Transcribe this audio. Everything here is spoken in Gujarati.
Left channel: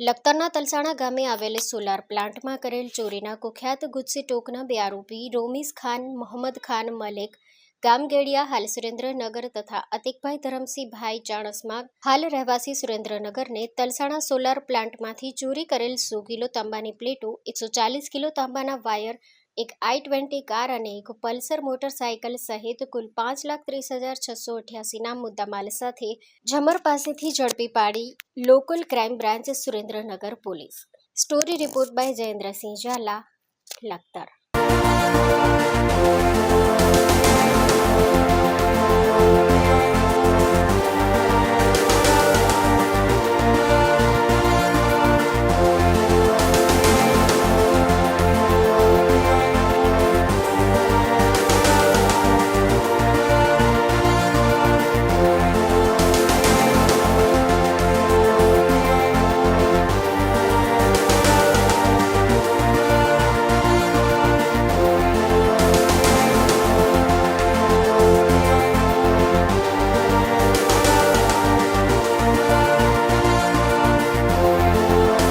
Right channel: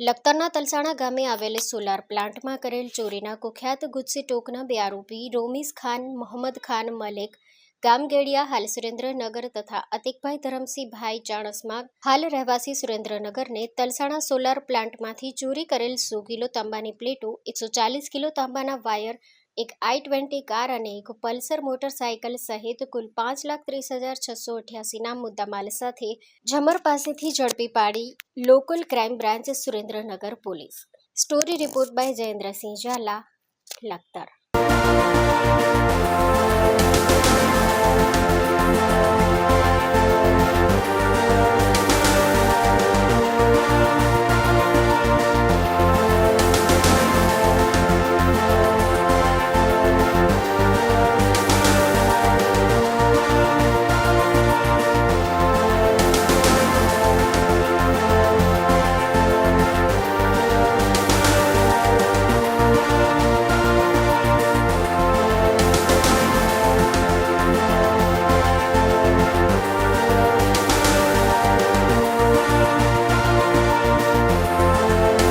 લખતરના તલસાણા ગામે આવેલ સોલાર પ્લાન્ટમાં કરેલ ચોરીના કુખ્યાત ગુજસી ટોકના બે આરોપી રોમીઝ ખાન, મોહમ્મદ ખાન મલેક ગામગેડિયા હાલ સુરેન્દ્રનગર તથા અતિકભાઈ ધરમસિંહભાઈ ચાણસ્મા હાલ રહેવાસી સુરેન્દ્રનગરને તલસાણા સોલાર પ્લાન્ટમાંથી ચોરી કરેલ 100 કિલો તાંબાની પ્લેટો, 140 કિલો તાંબાના વાયર, એક i20 કાર અને એક પલ્સર મોટરસાયકલ સહિત કુલ 5,30,688ના મુદ્દામાલ સાથે ઝમર પાસેથી ઝડપી પાડી local crime branch Surendranagar police. Story report by Jayendrasinh Zala, Lakhtar.